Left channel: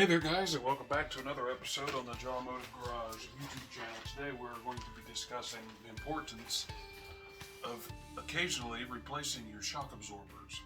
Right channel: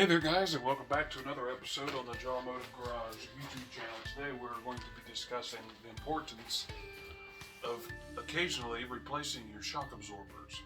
Hey there guys, and welcome back to another episode on the JawAmotive Garage YouTube channel. Today we're going to be discussing the importance of occasionally replacing your shock absorbers.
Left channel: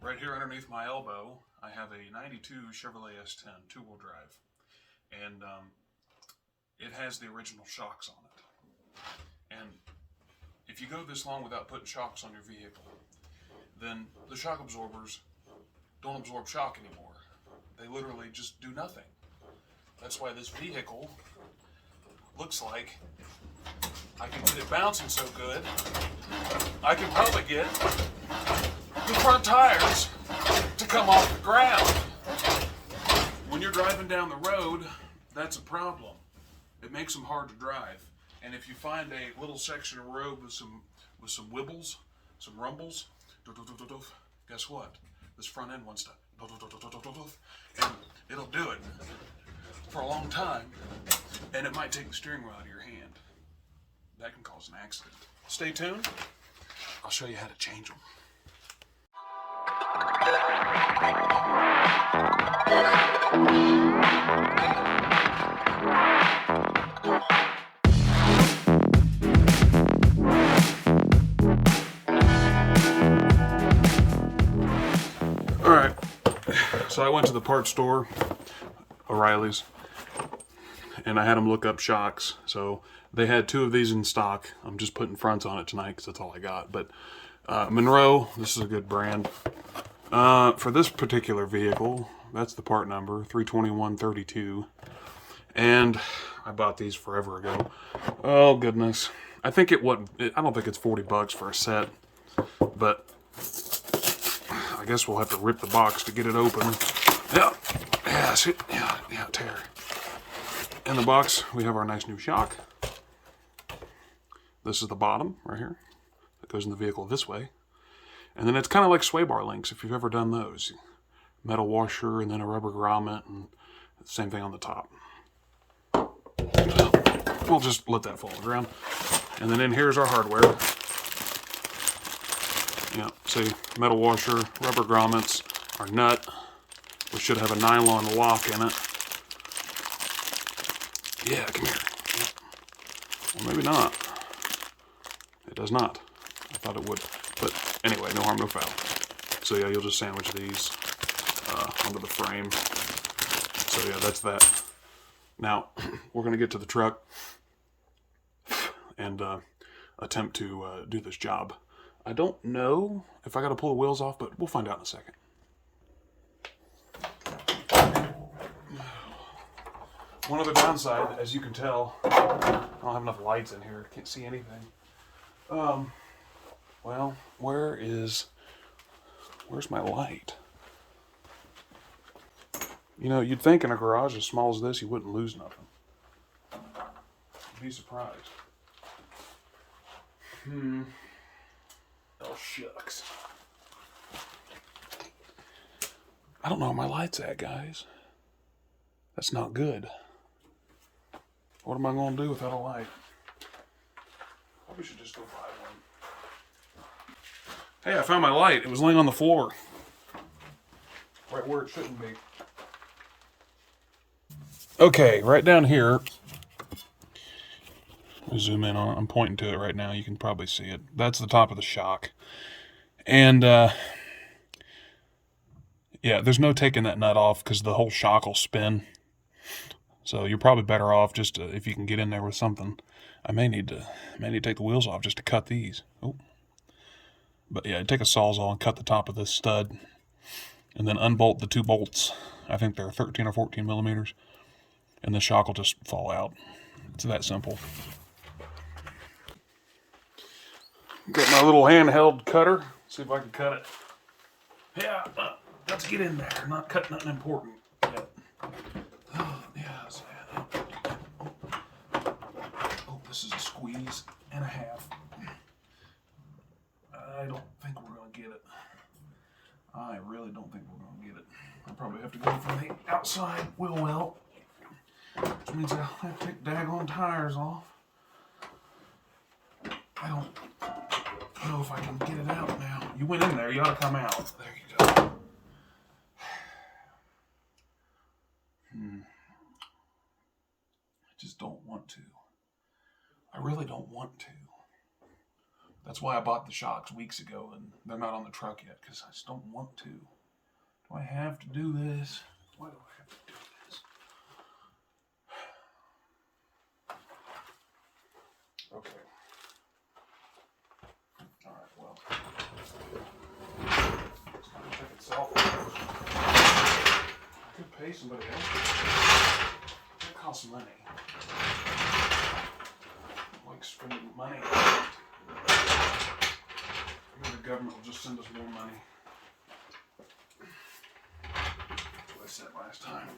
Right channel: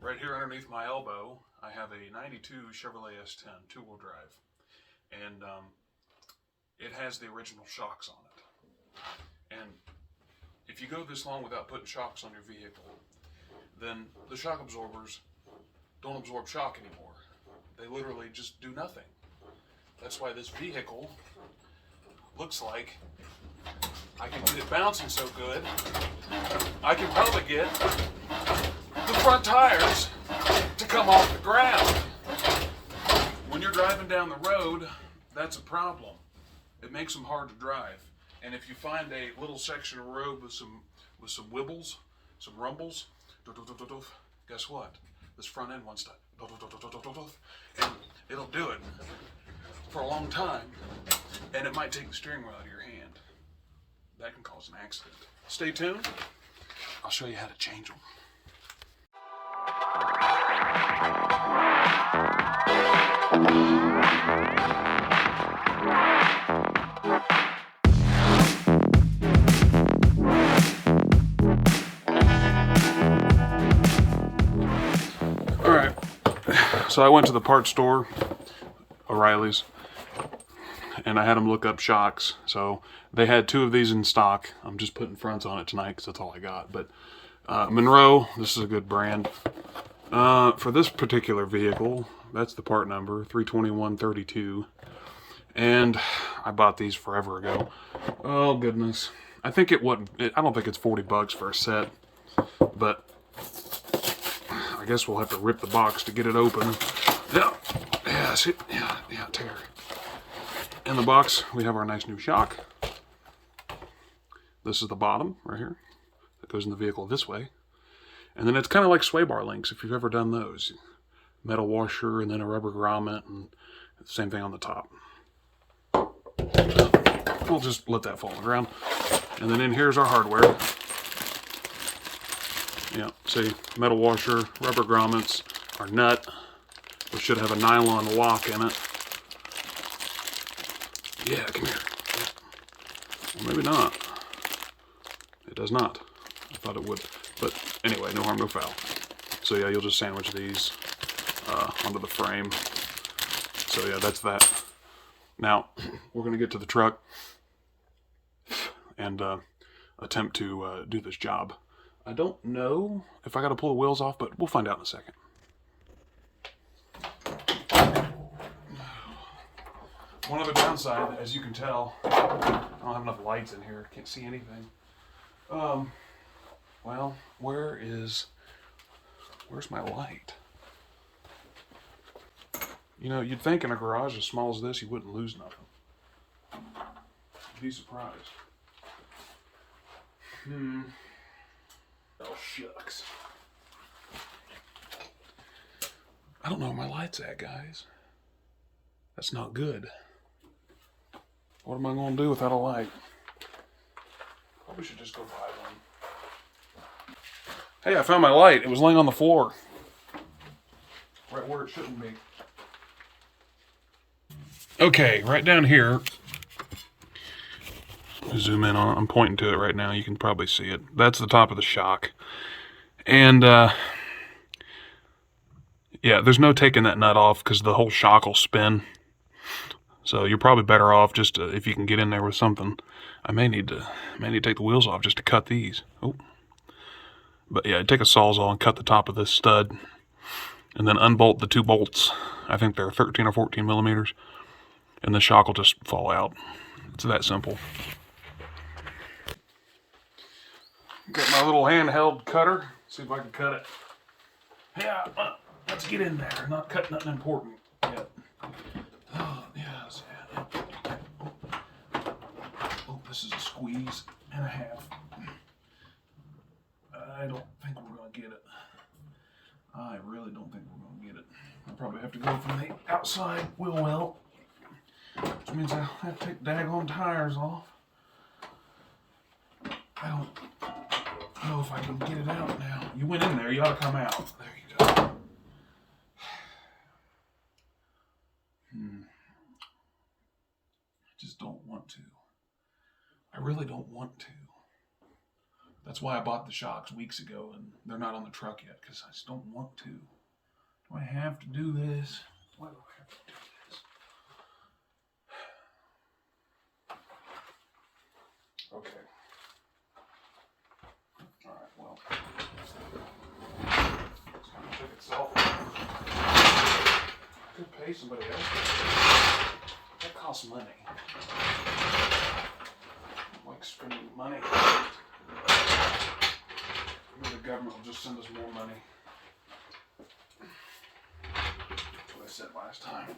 Right here underneath my elbow, I have a 92 Chevrolet S10 two-wheel drive, and it has the original shocks on it. And if you go this long without putting shocks on your vehicle, then the shock absorbers don't absorb shock anymore. They literally just do nothing. That's why this vehicle looks like I can get it bouncing so good, I can probably get the front tires to come off the ground. When you're driving down the road, that's a problem. It makes them hard to drive. And if you find a little section of road with some wibbles, some rumbles, guess what? This front end wants to, and it'll do it for a long time, and it might take the steering wheel out of your hand. That can cause an accident. Stay tuned. I'll show you how to change them. Alright, so I went to the parts store, O'Reilly's, and I had them look up shocks. So they had two of these in stock. I'm just putting fronts on it tonight because that's all I got. But Monroe, this is a good brand. For this particular vehicle, that's the part number, 32132. And I bought these forever ago. Oh, goodness. I think I don't think it's $40 for a set, but I guess we'll have to rip the box to get it open. Yeah, tear. In the box, we have our nice new shock. This is the bottom right here. It goes in the vehicle this way. And then it's kind of like sway bar links, if you've ever done those. Metal washer and then a rubber grommet, and same thing on the top. We'll just let that fall on the ground. And then in here's our hardware. Yeah, see, metal washer, rubber grommets, our nut, which should have a nylon lock in it. Yeah, come here. Well, maybe not. It does not. I thought it would. But anyway, no harm, no foul. So yeah, you'll just sandwich these onto the frame. So yeah, that's that. Now, we're going to get to the truck and attempt to do this job. I don't know if I got to pull the wheels off, but we'll find out in a second. One other downside, as you can tell, I don't have enough lights in here. Can't see anything. Well, where's my light? You know, you'd think in a garage as small as this, you wouldn't lose nothing. You'd be surprised. Oh, shucks. I don't know where my light's at, guys. That's not good. What am I going to do without a light? Probably should just go buy one. Hey, I found my light. It was laying on the floor. Right where it shouldn't be. Okay, right down here. Zoom in on it. I'm pointing to it right now. You can probably see it. That's the top of the shock. And, yeah, there's no taking that nut off because the whole shock will spin. So you're probably better off just if you can get in there with something. I may need to take the wheels off just to cut these. Oh. But yeah, take a Sawzall and cut the top of this stud. And then unbolt the two bolts. I think they're 13 or 14 millimeters. And the shock will just fall out. It's that simple. Got my little handheld cutter. See if I can cut it. Yeah, let's get in there. Not cut nothing important yet. Oh, yes. Oh, this is a squeeze and a half. I don't think we're going to get it. I really don't think we're going to get it. I'll probably have to go from the outside wheel well. Which means I'll have to take daggone tires off. I don't know if I can get it out now. You went in there, you ought to come out. There you go. That's why I bought the shocks weeks ago, and they're not on the truck yet, because I just don't want to. Do I have to do this? Why do I have to do this? Okay. Alright, well. It's going to check itself. I could pay somebody else. That costs money. I like spending money. Maybe the government will just send us more money. That's what I said last time.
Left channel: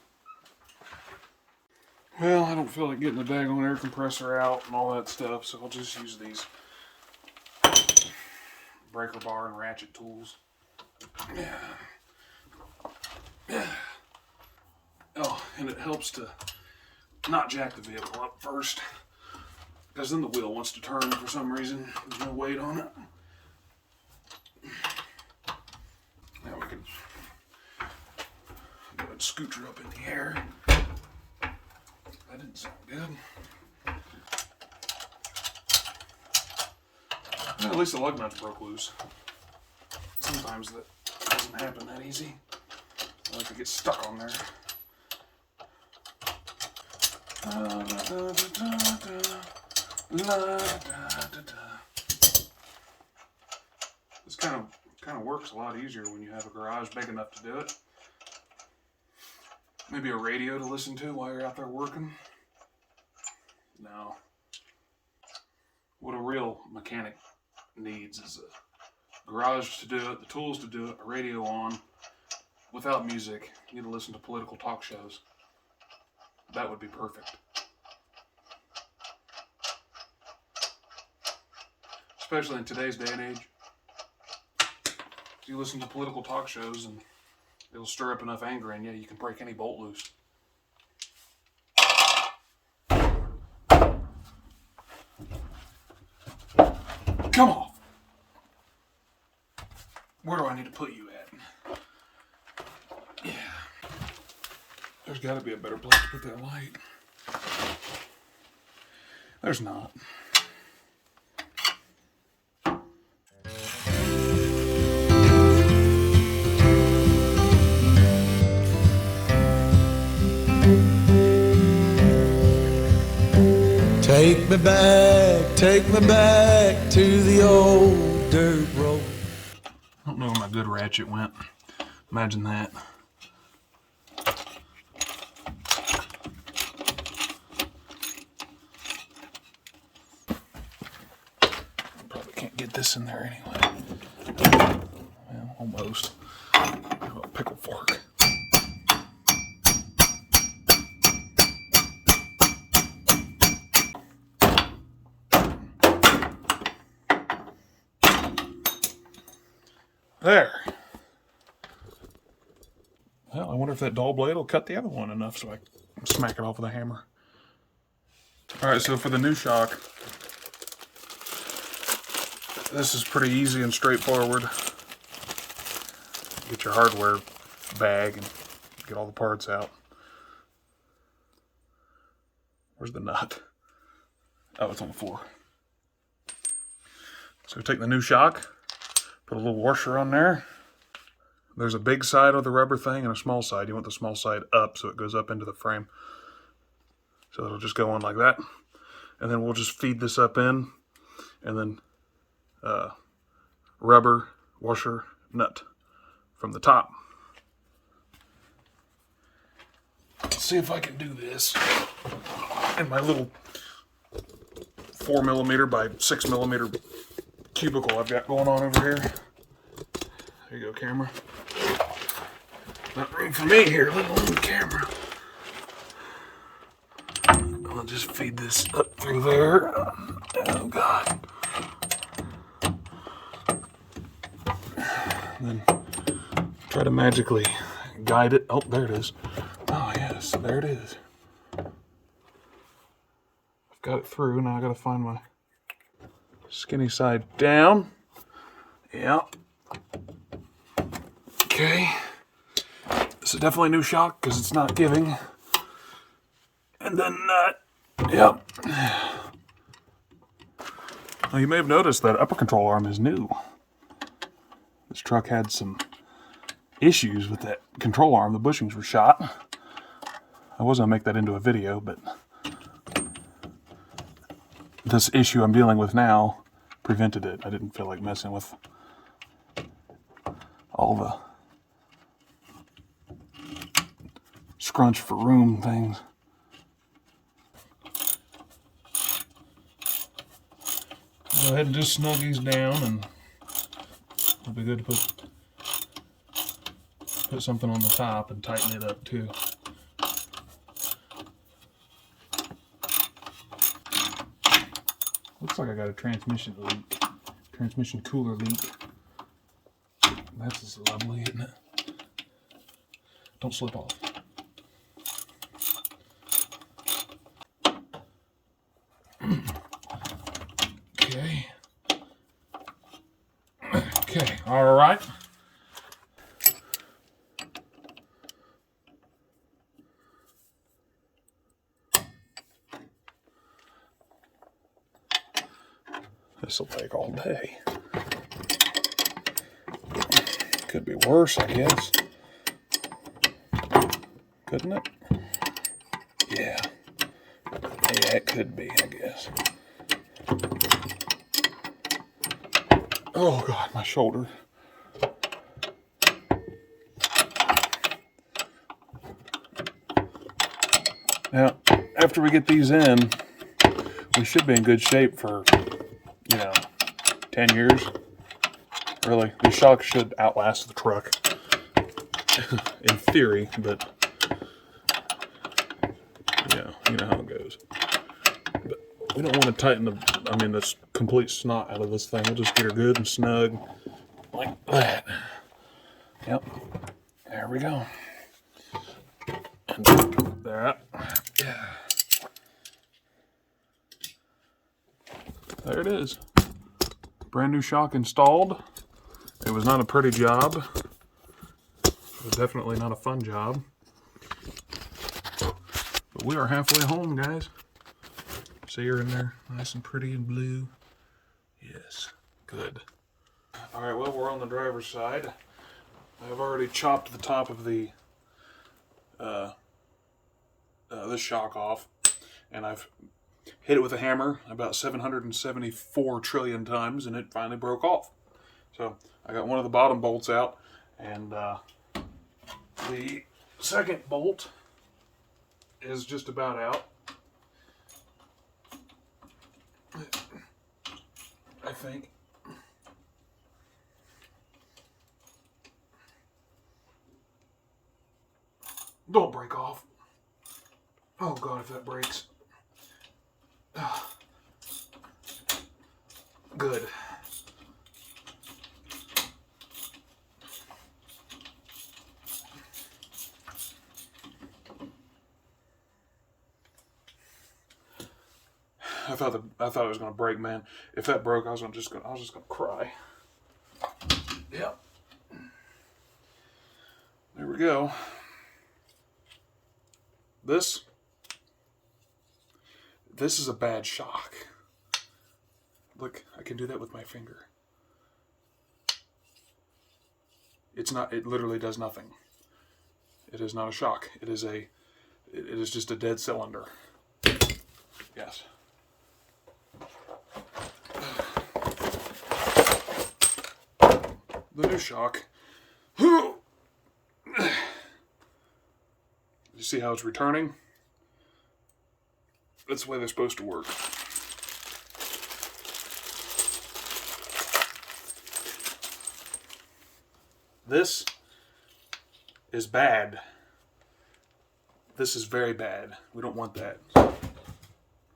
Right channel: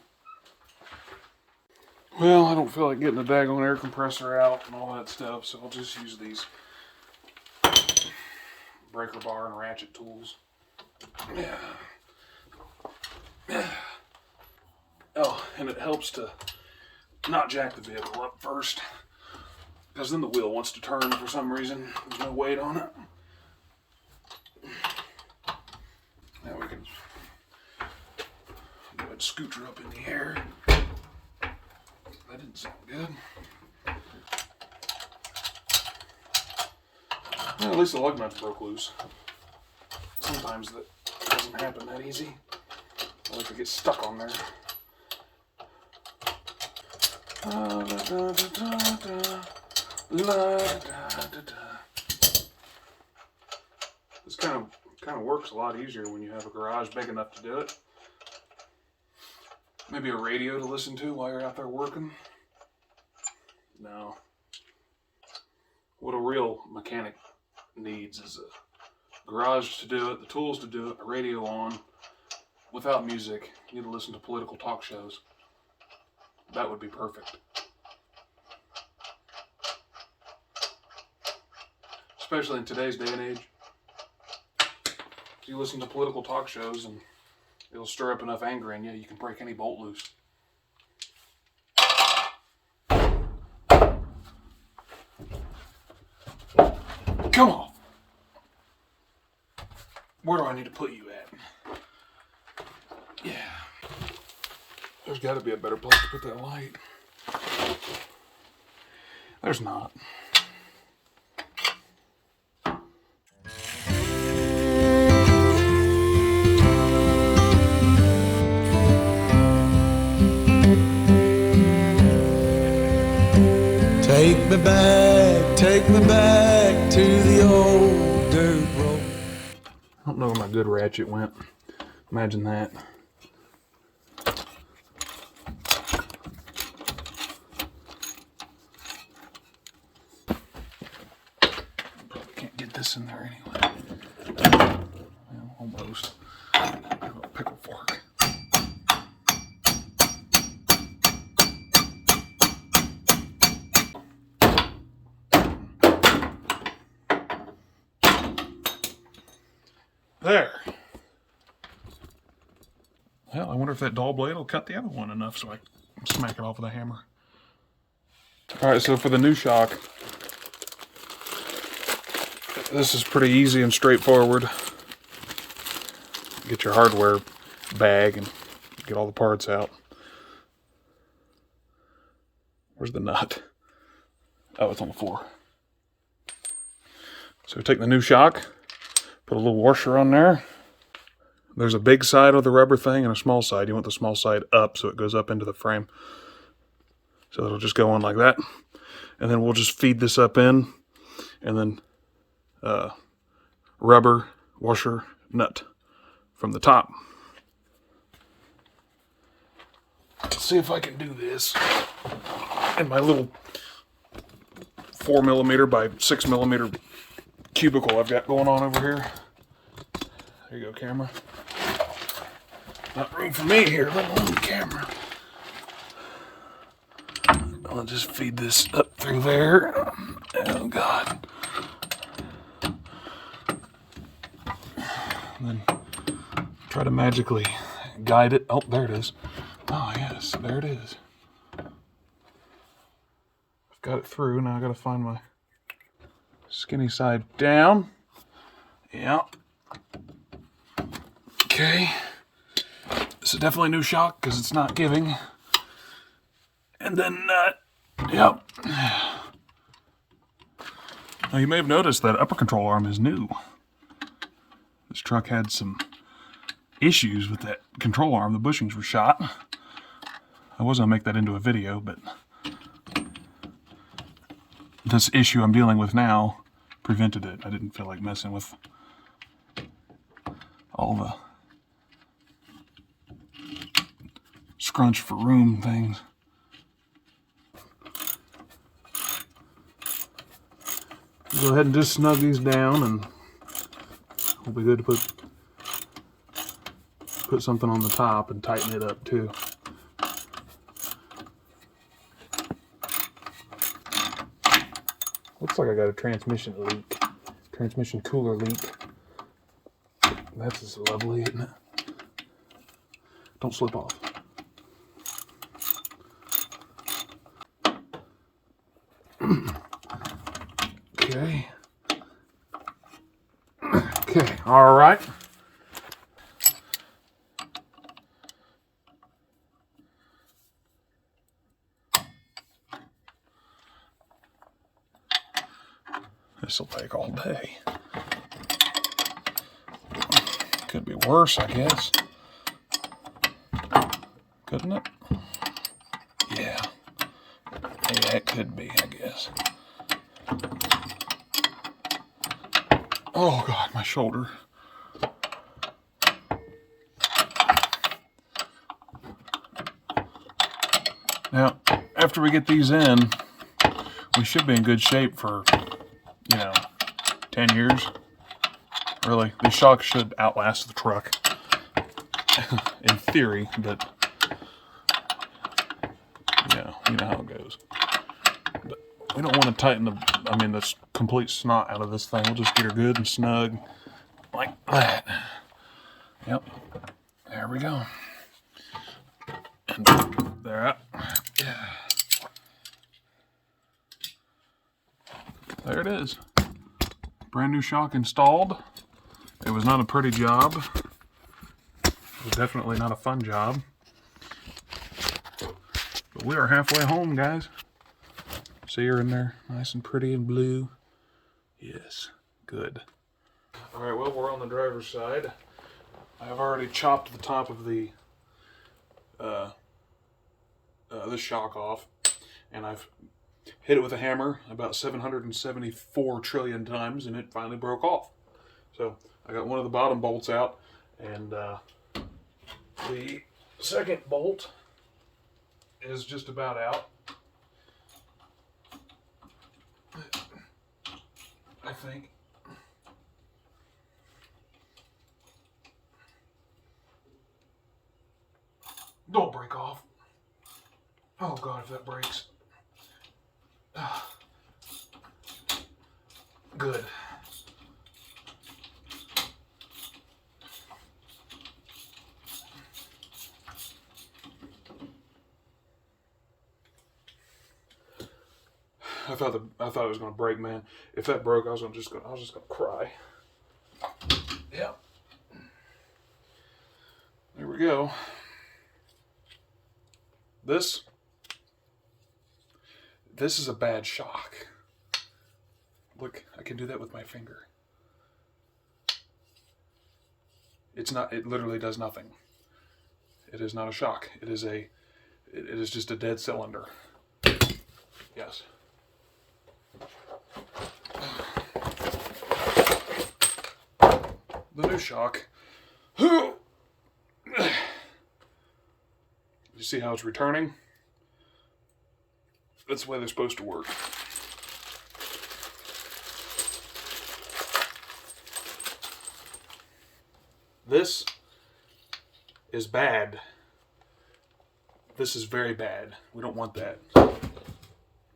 Well, I don't feel like getting the daggone air compressor out and all that stuff, so I'll just use these breaker bar and ratchet tools. Yeah. Oh, and it helps to not jack the vehicle up first, because then the wheel wants to turn for some reason. There's no weight on it. Now we can go ahead and scooter up in the air. That didn't sound good. Well, at least the lug nuts broke loose. Sometimes that doesn't happen that easy. I like to get stuck on there. This kind of works a lot easier when you have a garage big enough to do it. Maybe a radio to listen to while you're out there working. No. What a real mechanic needs is a garage to do it, the tools to do it, a radio on, without music. You need to listen to political talk shows. That would be perfect. Especially in today's day and age. You listen to political talk shows and it'll stir up enough anger in you, you can break any bolt loose. Come off! Where do I need to put you at? Yeah. There's got to be a better place to put that light. There's not. Take me back to the old dirt road. I don't know where my good ratchet went. Imagine that. Probably can't get this in there anyway. Well, almost. I'll pick a fork. There. Well, I wonder if that dull blade will cut the other one enough so I can smack it off with a hammer. Alright, so for the new shock, this is pretty easy and straightforward. Get your hardware bag and get all the parts out. Where's the nut? Oh, it's on the floor. So we take the new shock. Put a little washer on there. There's a big side of the rubber thing and a small side. You want the small side up so it goes up into the frame. So it'll just go on like that. And then we'll just feed this up in. And then rubber, washer, nut from the top. Let's see if I can do this in my little 4mm by 6mm cubicle I've got going on over here. There you go, camera. Not room for me here, let alone the camera. I'll just feed this up through there. Oh God. And then try to magically guide it. Oh, there it is. Oh yes, there it is. I've got it through. Now I gotta find my skinny side down. Yeah. Okay. This is definitely a new shock because it's not giving. And then, yep. Now you may have noticed that upper control arm is new. This truck had some issues with that control arm. The bushings were shot. I was going to make that into a video, but this issue I'm dealing with now prevented it. I didn't feel like messing with all the scrunch for room things. Go ahead and just snug these down, and it'll be good to put something on the top and tighten it up too. Looks like I got a transmission leak, transmission cooler leak. That's just lovely, isn't it? Don't slip off. Okay. Okay, all right. This will take all day. Could be worse, I guess. Couldn't it? Yeah. Yeah, it could be, I guess. Oh God, my shoulder. Now, after we get these in, we should be in good shape for, 10 years. Really, the shock should outlast the truck. In theory, but yeah, you know how it goes. But we don't want to tighten this complete snot out of this thing. We'll just get her good and snug like that. Yep, there we go. And there, yeah. There it is. Brand new shock installed. It was not a pretty job. It was definitely not a fun job. But we are halfway home, guys. See her in there, nice and pretty and blue. Yes, good. All right, well, we're on the driver's side. I've already chopped the top of the this shock off, and I've hit it with a hammer about 774 trillion times, and it finally broke off. So I got one of the bottom bolts out, and the second bolt is just about out. I think. Don't break off. Oh God, if that breaks. Good. I thought it was gonna break, man. If that broke, I was just gonna cry. Yep. There we go. This is a bad shock. Look, I can do that with my finger. It's not, it literally does nothing. It is not a shock. It is just a dead cylinder. Yes. The new shock. You see how it's returning? That's the way they're supposed to work. This is bad. This is very bad. We don't want that.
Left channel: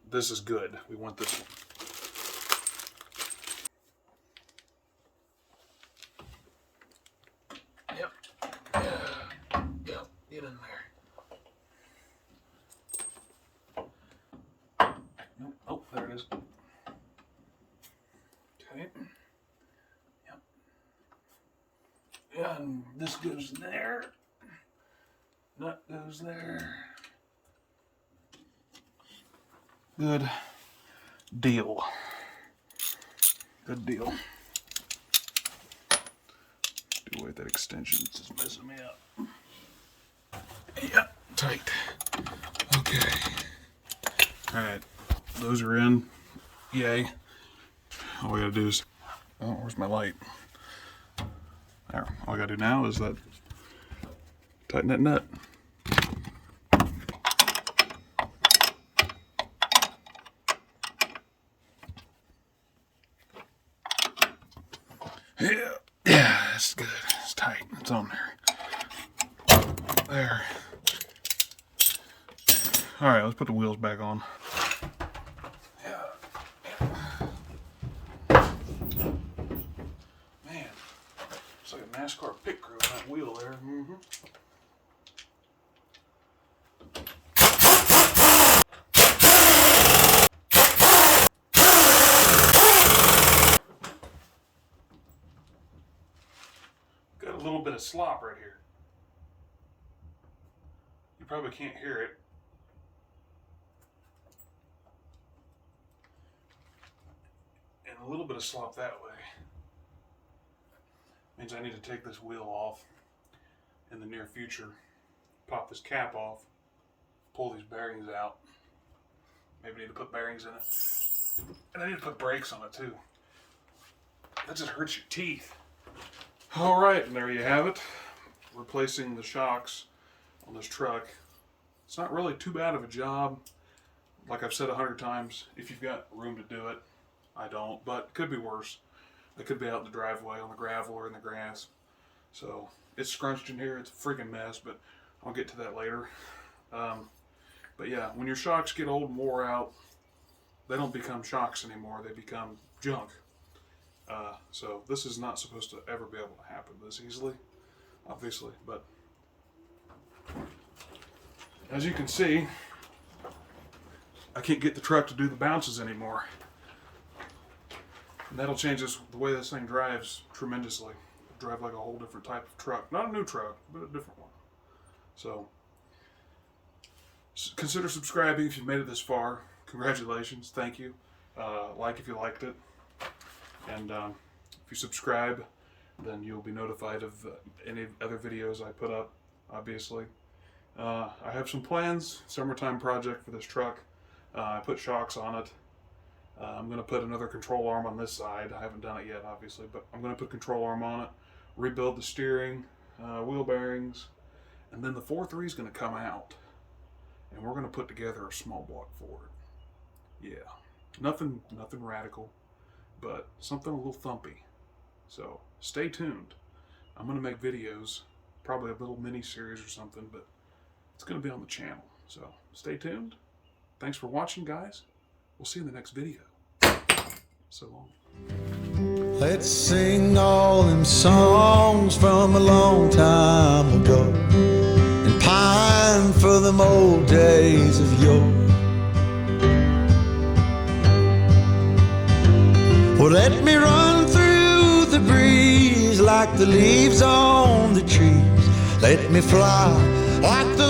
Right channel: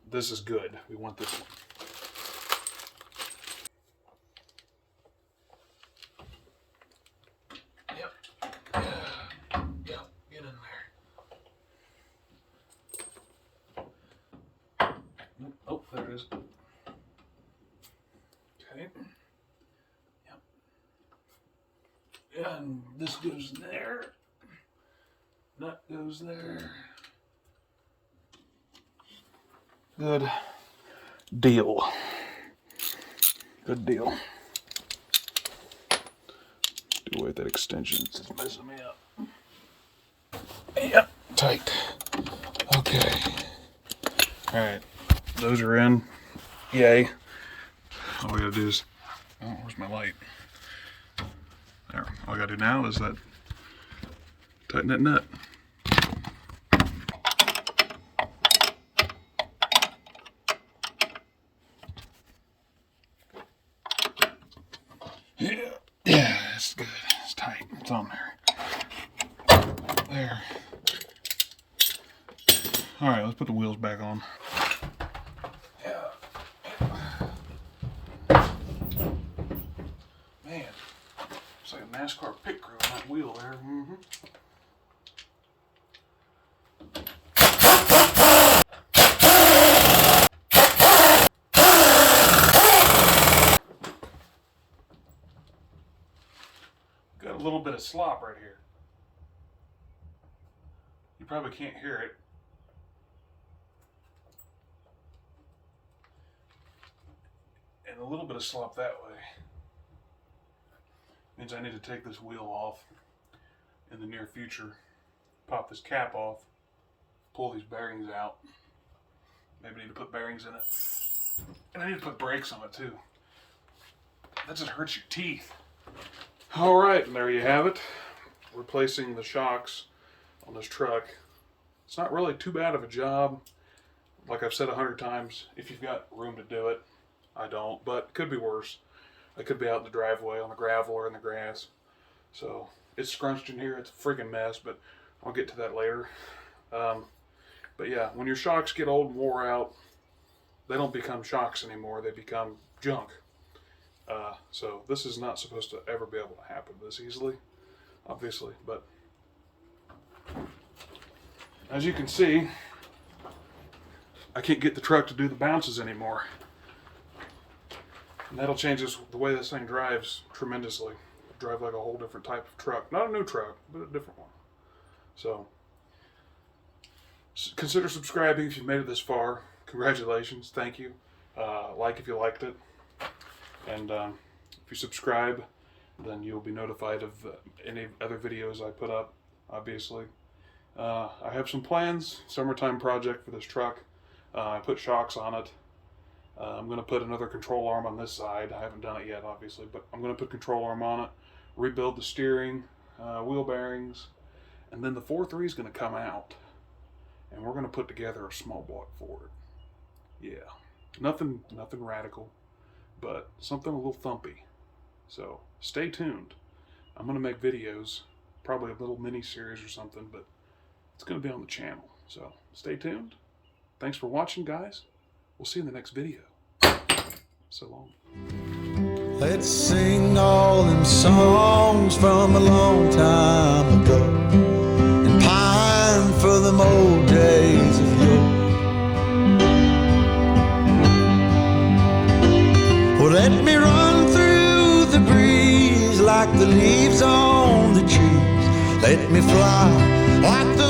This is good. We want this one. Yep. Yep. Get in there. Oh, there it is. Okay. Yep. And this goes there. Nut goes there. Good deal. Good deal. Do away with that extension. It's just messing me up. Yep, tight. Okay. Alright. Those are in. Yay. All we gotta do is, oh, where's my light? There. All I gotta do now is that tighten that nut. Yeah, that's good. It's tight. It's on there. There. All right, let's put the wheels back on. Man, it's like a NASCAR pit crew on that wheel there. Mm-hmm. Got a little bit of slop right here. You probably can't hear it. And a little bit of slop that way means I need to take this wheel off in the near future, pop this cap off, pull these bearings out. Maybe I need to put bearings in it. And I need to put brakes on it too. That just hurts your teeth. Alright, and there you have it. Replacing the shocks on this truck. It's not really too bad of a job. Like I've said 100 times, if you've got room to do it. I don't, but it could be worse. I could be out in the driveway on the gravel or in the grass. So it's scrunched in here. It's a freaking mess, but I'll get to that later. But yeah, when your shocks get old and wore out, they don't become shocks anymore. They become junk. So this is not supposed to ever be able to happen this easily, obviously. But as you can see, I can't get the truck to do the bounces anymore. And that'll change the way this thing drives tremendously. It'll drive like a whole different type of truck. Not a new truck, but a different one. So consider subscribing if you've made it this far. Congratulations. Thank you. Like if you liked it. And if you subscribe, then you'll be notified of any other videos I put up, obviously. I have some plans. Summertime project for this truck. I put shocks on it. I'm going to put another control arm on this side. I haven't done it yet, obviously, but I'm going to put control arm on it, rebuild the steering, wheel bearings, and then the 4.3 is going to come out, and we're going to put together a small block for it. Yeah, nothing radical, but something a little thumpy. So stay tuned. I'm going to make videos, probably a little mini series or something, but it's going to be on the channel. So stay tuned. Thanks for watching, guys. We'll see you in the next video. So long. Let's sing all them songs from a long time ago and pine for them old days of yore. Well, let me run through the breeze like the leaves on the trees. Let me fly like the